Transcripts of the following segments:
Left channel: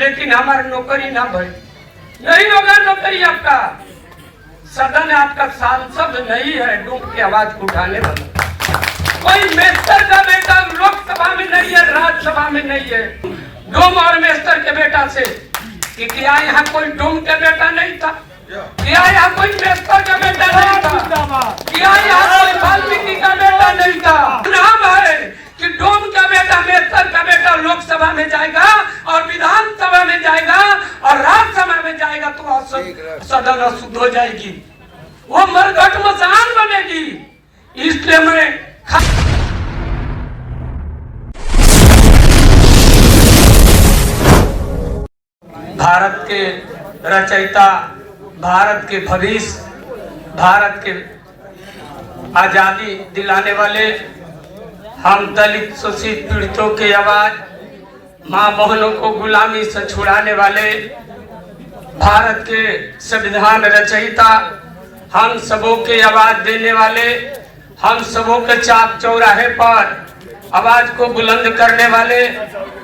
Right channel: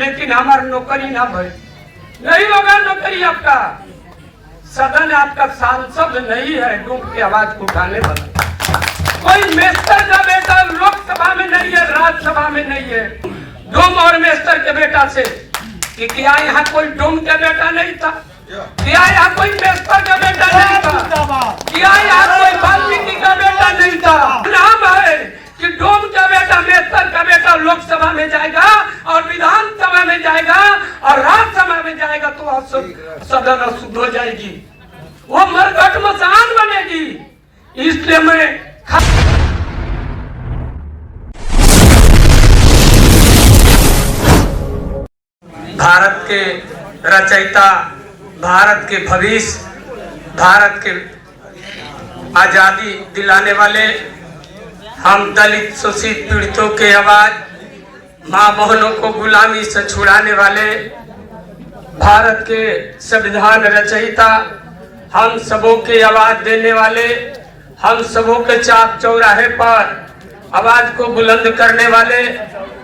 लेकिन हमारा नौकरी ना भरे, नहीं होगा नौकरी आपका। सदन आपका सांसद नहीं है डूब की आवाज उठाने वाला। कोई मेस्टर का बेटा लोकसभा में नहीं है, राज्यसभा में नहीं है। डोम और मेस्टर के बेटा से कि क्या यहाँ कोई डोम के बेटा नहीं था? क्या यहाँ कोई मेस्टर का बेटा नहीं था? क्या यहाँ कोई वाल्मीकि का बेटा नहीं था? नाम है कि डोम का बेटा मेस्टर का बेटा लोकसभा में जाएगा और विधानसभा में जाएगा और राज्यसभा में जाएगा तो सदन अशुद्ध हो जाएगी, वो मरघट मसान बनेगी। इसलिए मैं भारत के रचयिता, भारत के भविष्य, भारत के आजादी दिलाने वाले, हम दलित शोषित पीड़ितों के आवाज, माँ बहनों को गुलामी से छुड़ाने वाले, भारत के संविधान रचयिता, हम सबों के आवाज देने वाले, हम सबों के चाक चौराहे पर आवाज को बुलंद करने वाले,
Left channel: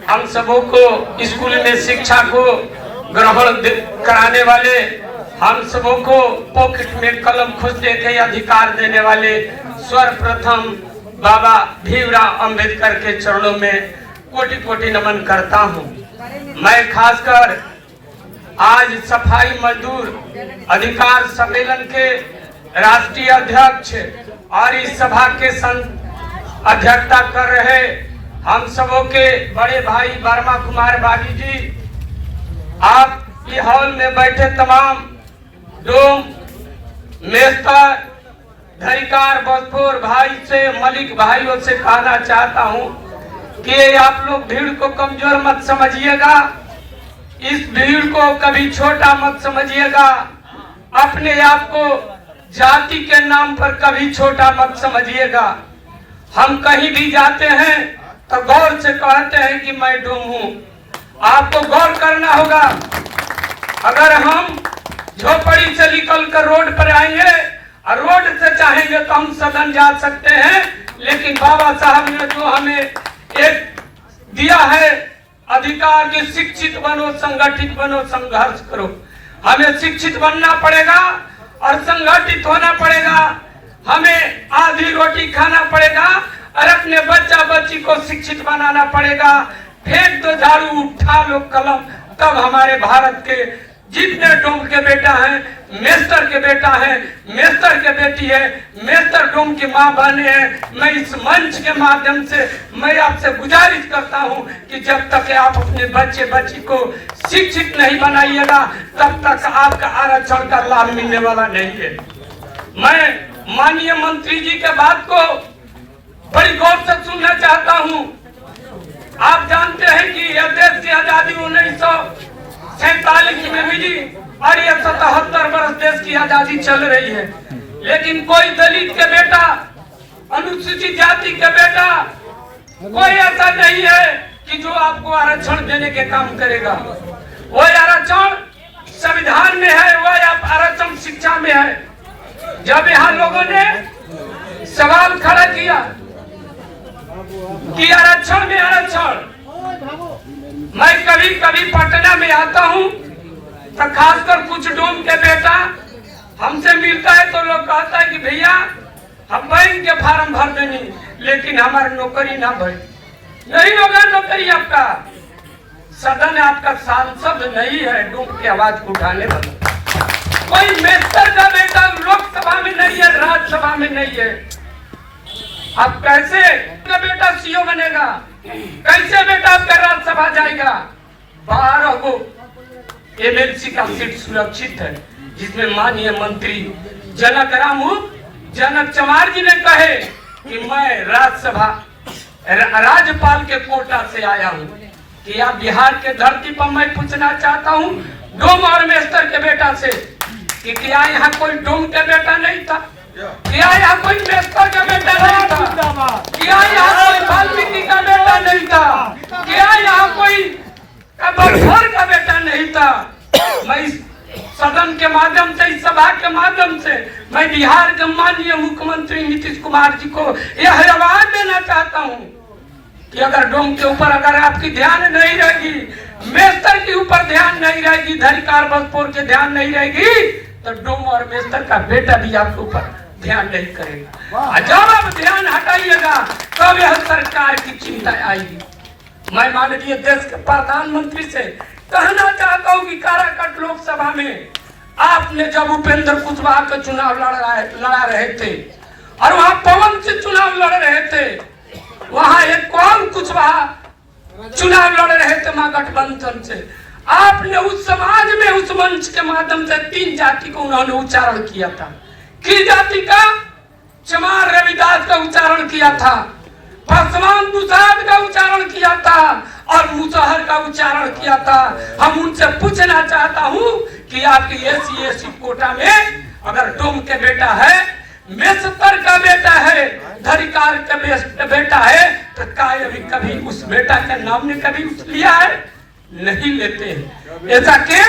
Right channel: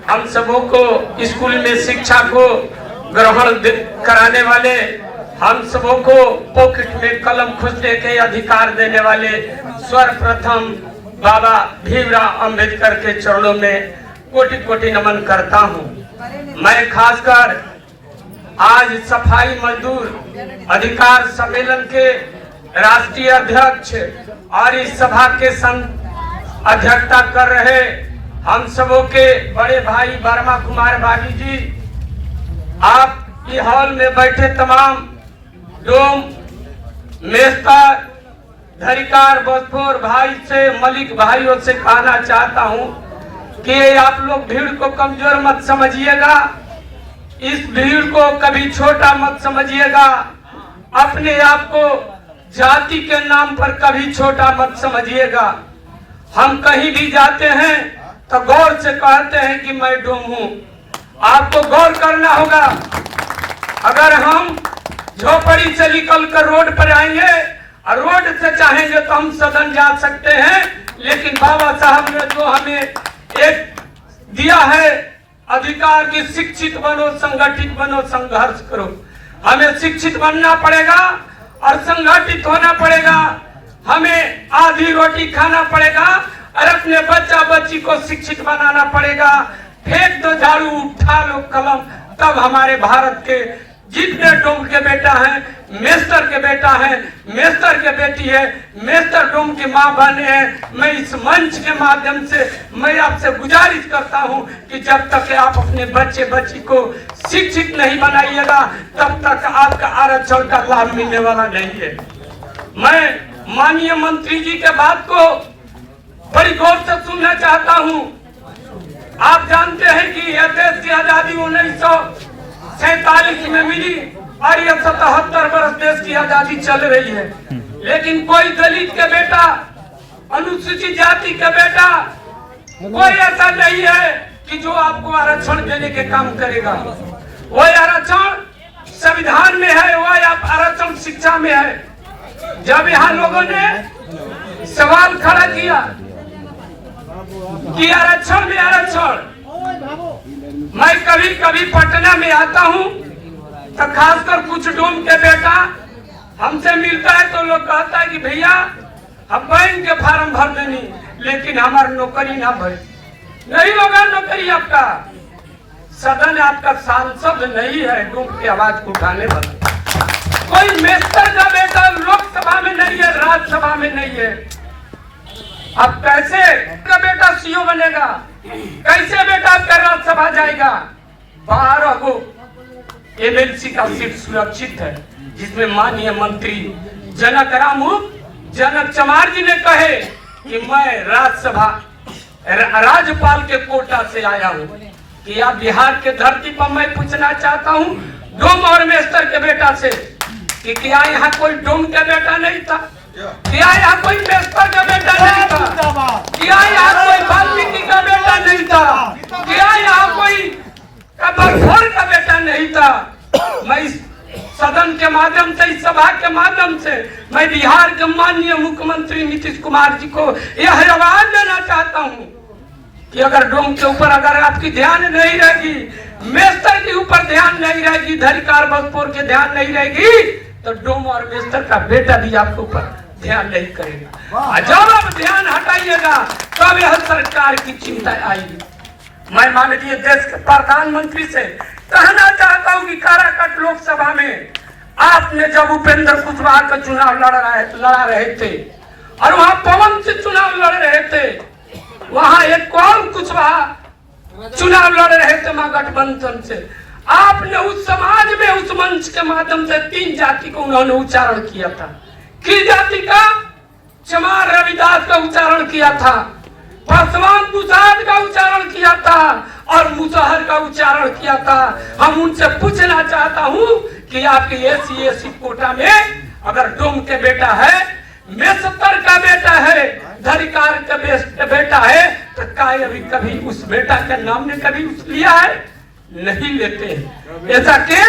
हम सबों को स्कूल में शिक्षा को ग्रहण कराने वाले, हम सबों को पॉकेट में कलम खोजने के अधिकार देने वाले सर्वप्रथम बाबा भीमराव अंबेडकर के चरणों में कोटि कोटि नमन करता हूं। मैं खासकर आज सफाई मजदूर अधिकार सम्मेलन के राष्ट्रीय अध्यक्ष और इस सभा के अध्यक्षता कर रहे हम सबों के बड़े भाई वर्मा कुमार बागी जी, आप के हॉल में बैठे तमाम डोम, मेस्तर, धरिकार, भोजपुर भाई से, मलिक भाइयों से कहना चाहता हूं कि आप लोग भीड़ को कमजोर मत समझिएगा, इस भीड़ को कभी छोटा मत समझिएगा, अपने आप को जाति के नाम पर कभी छोटा मत समझिएगा। हम कहीं भी जाते हैं तो गौर से कहते हैं कि मैं डोम हूं। आपको गौर करना होगा, अगर हम झोपड़ी से निकलकर रोड पर आएंगे और रोड से चाहेंगे तो हम सदन जा सकते हैं, लेकिन बाबा साहब ने तो हमें एक दिया है अधिकार कि शिक्षित बनो, संगठित बनो, संघर्ष करो। हमें शिक्षित बनना पड़ेगा और संगठित होना पड़ेगा, हमें आधी रोटी खाना पड़ेगा और अपने बच्चा बच्ची को शिक्षित बनाना पड़ेगा। फेंक दो झाड़ू, उठा लो कलम, तब हमारे भारत के जितने डोम के बेटा हैं, मेस्टर के बेटा है, मेस्टर के बेटी है, मेस्टर डोम की माँ बहने हैं, मैं इस मंच के माध्यम से मैं आपसे गुजारिश करता हूं कि जब तक आप अपने बच्चे बच्ची को शिक्षित नहीं बनाइएगा तब तक आपका आरक्षण का लाभ मिलने वाला नहीं है। मैं माननीय मंत्री जी के बात को बड़ी गौर से सुनना चाहता हूं। आप जानते हैं कि यह देश की आजादी 1947 में मिली और ये 77 वर्ष देश की आजादी चल रही है, लेकिन कोई दलित के बेटा, अनुसूचित जाति के बेटा, कोई ऐसा नहीं है कि जो आपको आरक्षण देने के काम करेगा। वो आरक्षण संविधान में है, वो आरक्षण शिक्षा में है। जब यहाँ लोगों ने सवाल खड़ा किया कि आरक्षण में आरक्षण, मैं कभी कभी पटना में आता हूँ तो खासकर कुछ डोम के बेटा हमसे मिलता है तो लोग कहता है कि भैया हम बैंक के फार्म भर देनी, लेकिन हमारा नौकरी ना भरे, नहीं होगा नौकरी आपका। सदन आपका सांसद नहीं है डूब की आवाज उठाने वाला। कोई मेस्टर का बेटा लोकसभा में नहीं है, राज्यसभा में नहीं है। अब कैसे का बेटा सीओ बनेगा, कैसे बेटा आपका राज्यसभा जाएगा? 12 गो एमएलसी का सीट सुरक्षित है, जिसमें माननीय मंत्री जनक चमार जी ने कहे कि मैं राज्यसभा राज्यपाल के कोटा से आया हूँ। कि आप बिहार के धरती पर मैं पूछना चाहता हूँ डोम और मेस्टर के बेटा से कि क्या यहाँ कोई डोम के बेटा नहीं था? क्या यहाँ कोई मेस्टर का बेटा नहीं था? क्या यहाँ कोई वाल्मीकि का बेटा नहीं था? क्या यहाँ कोई कबीर का बेटा नहीं था? मैं इस सदन के माध्यम से, इस सभा के माध्यम से मैं बिहार के माननीय मुख्यमंत्री नीतीश कुमार जी को यह आवाज देना चाहता हूँ कि अगर डोम के ऊपर अगर आपकी ध्यान नहीं रहेगी मेस्तर के ऊपर ध्यान नहीं रहेगी, धरिकार बसपोर के ध्यान नहीं रहेगी, तो डोम और मेस्तर का बेटा भी आपके ऊपर ध्यान नहीं करेगा। जब आप ध्यान हटाइएगा तब यह सरकार की चिंता आएगी। मैं माननीय देश के प्रधानमंत्री से कहना चाहता हूँ कि काराकाट लोकसभा में आपने जब उपेंद्र कुशवाहा का चुनाव लड़ा रहे थे और वहाँ पवन से चुनाव लड़ रहे थे, वहाँ एक कौन कुशवाहा चुनाव लड़ रहे थे महागठबंधन से, आपने उस समाज में उस मंच के माध्यम से 3 जाति को उन्होंने उच्चारण किया था। किस जाति का? चमार रविदास का उच्चारण किया था, पासवान प्रसाद का उच्चारण किया था और मुसहर का उच्चारण किया था। हम उनसे पूछना चाहता हूँ कि आपकी एससी कोटा में अगर डोम के बेटा है, मेस्तर का बेटा है, धरिकार का बेटा है, तो कभी उस बेटा के नाम ने कभी लिया है? नहीं लेते हैं। ऐसा क्यों?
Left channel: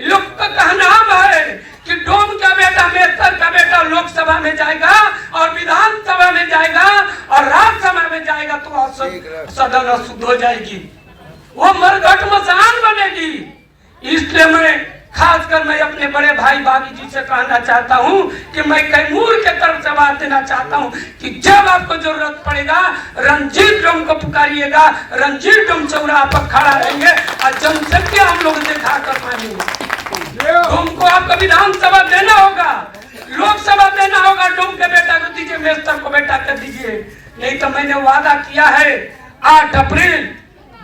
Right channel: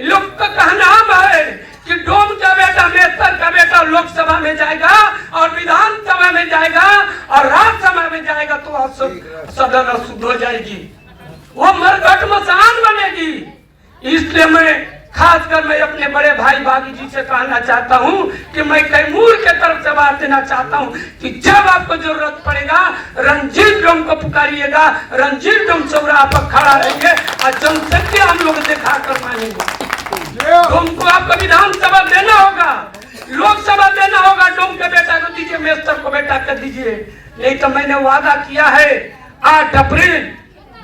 लोग का कहना है कि डोम का बेटा, मेस्तर का बेटा लोकसभा में जाएगा और विधानसभा में जाएगा और राज्यसभा में जाएगा तो सदन अशुद्ध हो जाएगी, वो मरघट मसान बनेगी। इसलिए मैं खासकर मैं अपने बड़े भाई बागी जी से कहना चाहता हूं कि मैं कैमूर के तरफ से बात देना चाहता हूं कि जब आपको जरूरत पड़ेगा रंजीत डोम को पुकारिएगा, रंजीत डोम चौराहा पर खड़ा रहेंगे और जनसंख्या हम लोग दिखा कर मानेंगे। डोम को आपको विधानसभा देना होगा, लोकसभा देना होगा। डोम के बेटा को दीजिए, मेस्तर को बेटा कर दीजिए। नहीं तो मैंने वादा किया है 8 अप्रैल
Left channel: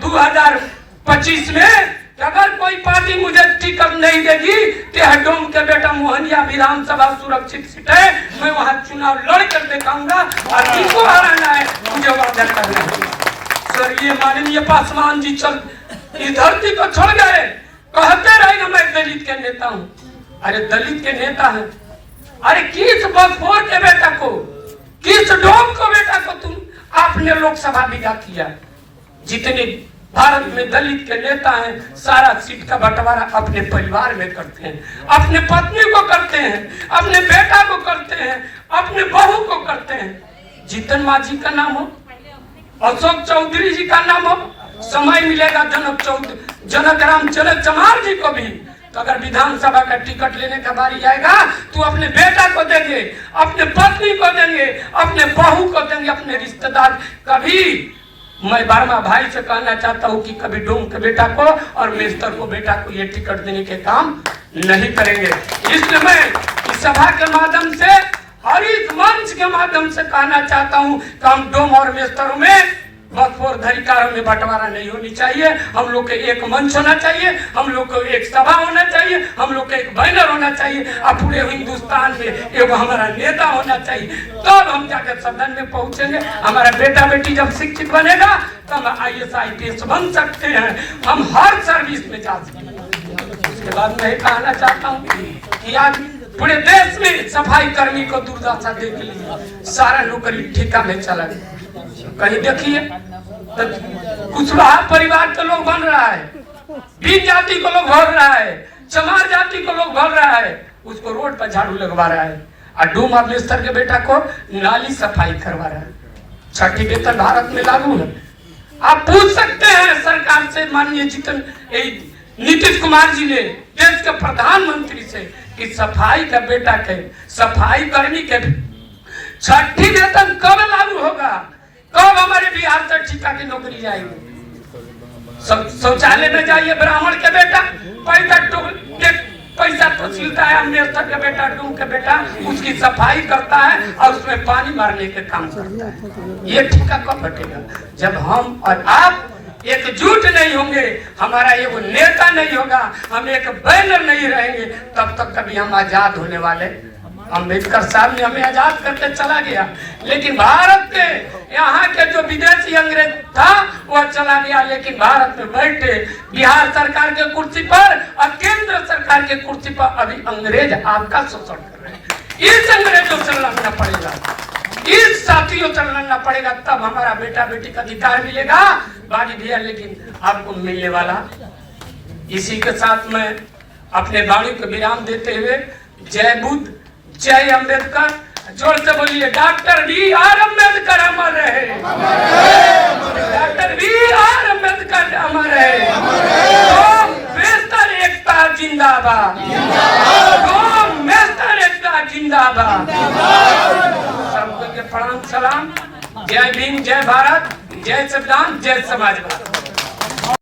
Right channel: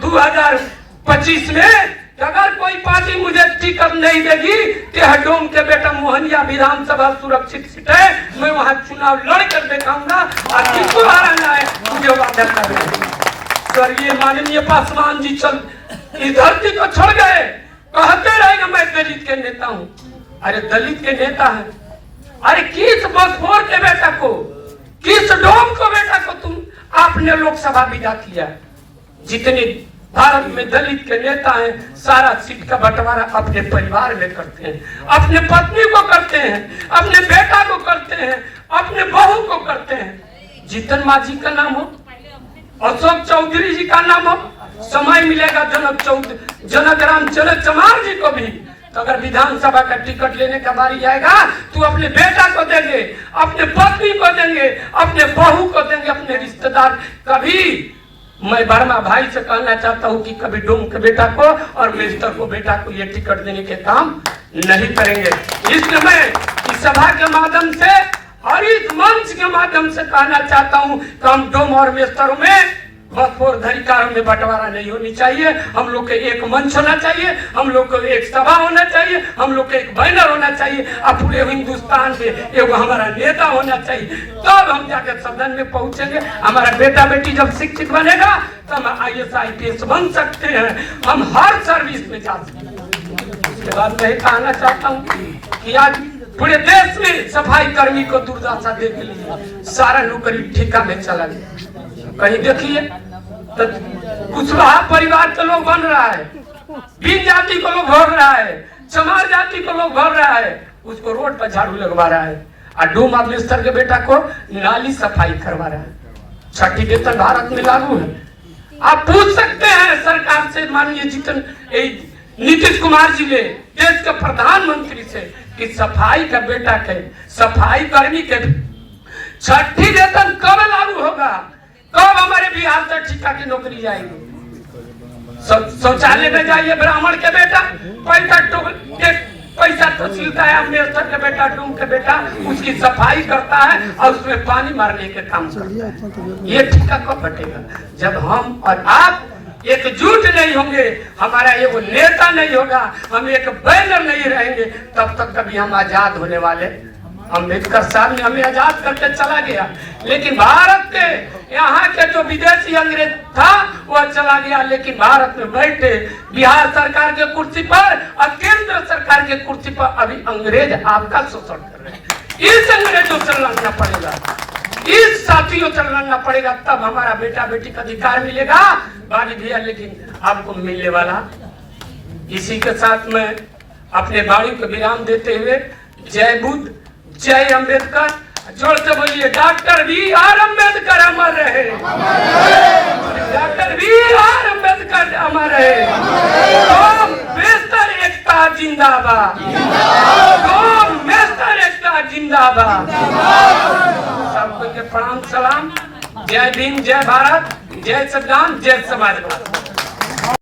2025 में अगर कोई पार्टी मुझे टिकट नहीं देगी तो डोम के बेटा मोहनिया विधानसभा सुरक्षित सीट है, मैं वहां चुनाव लड़ कर दिखाऊंगा और किसको हराना है मुझे वादा करना है। सर ये माननीय पासवान जी चल इस धरती को छोड़ गए, कहते रहेंगे मैं दलित के नेता हूँ। अरे दलित के नेता है? अरे किस बसपोर के बेटा को, किस डोम को बेटा को तुम आपने लोकसभा विदा किया? जितने भारत में दलित के नेता हैं सारा सीट का बंटवारा अपने परिवार में करते हैं, अपने पत्नी को करते हैं, अपने बेटा को करते हैं, अपने बहू को करते हैं। जीतन मांझी का नाम हो, अशोक चौधरी जी का नाम हो, समय मिलेगा जनक राम चमार जी को भी। तो अगर विधानसभा का टिकट लेने का बारी आएगा तो अपने बेटा को देंगे, अपने पत्नी को देंगे, अपने बहू को देंगे, अपने रिश्तेदार। कभी मैं वर्मा भाई से कहना चाहता हूं कि कभी डोम के बेटा को और मेस्तर को बेटा को ये टिकट देने के काम नहीं करेंगे। इसलिए मैं इस सभा के माध्यम से और इस मंच के माध्यम से कहना चाहता हूं कि हम डोम और मेस्तरों में बसपोर धरिकारों में बंटवारा नहीं होनी चाहिए। हम लोग के एक मंच होना चाहिए, हम लोग को एक सभा होना चाहिए, हम लोग के एक बैनर होना चाहिए और पूरे हिंदुस्तान में एक हमारा नेता होना चाहिए। तब हम जाकर सदन में पहुंचेंगे। हमारा बेटा बेटी जब शिक्षित बनेगा तब IAS IPS बन सकते हैं, हम हर सर्विस में जा सकते हैं। उसके बाद मैं कहना चाहता हूँ कि आज पूरे देश में सफाई कर्मी को दुर्दशा देख लीजिए, सारा नौकरी ठेका में चला गया। कहीं देखिए तो कुशवाहा परिवार के लोग बन रहा है, बीन जाति को लोग भर रहा है, चमार जाति को लोग भर रहा है, उसको रोड पर झाड़ू लगवा रहा है और डोम और मेस्तर के बेटा को नाली सफाई करवा रहा है। 6ठी वेतन भारत में लागू है। आप पूछ सकते हैं सरकार से, माननीय जीतन नीतीश कुमार जी ने देश के प्रधानमंत्री से कि सफाई का बेटा के, सफाई कर्मी के 6ठी वेतन कब लागू होगा, कब हमारे बिहार से ठेका की नौकरी जाएगी? शौचालय में जाइए ब्राह्मण के बेटा पैसा तो सिलता है, मेस्तर के बेटा डोम के बेटा उसकी सफाई करता है और उसमें पानी मारने के काम करता है। ये ठेका कब घटेगा? जब हम और आप एकजुट नहीं होंगे, हमारा एक नेता नहीं होगा, हम एक बैनर नहीं रहेंगे, तब तक कभी हम आजाद होने वाले। अम्बेडकर साहब ने हमें आजाद करके चला गया, लेकिन भारत के यहाँ के जो विदेशी अंग्रेज था वह चला गया, लेकिन भारत में बैठे बिहार सरकार के कुर्सी पर और केंद्र सरकार के कुर्सी पर अभी अंग्रेज आपका शोषण कर रहे हैं। इस अंग्रेजों से लड़ना पड़ेगा, इस साथियों से लड़ना पड़ेगा, तब हमारा बेटा बेटी का अधिकार मिलेगा। बागी भैया लेकिन आपको मिलने वाला। इसी के साथ में अपने वाणी को विराम देते हुए जय बुद्ध, जय अम्बेडकर, जोर से बोलिए डॉक्टर BR अम्बेडकर अमर रहे, डॉक्टर BR अम्बेडकर अमर रहे। जिंदाबाद, नेशनल एकता जिंदाबाद। सबको के प्रणाम सलाम। जय भीम, जय भारत, जय संविधान, जय समाजवाद।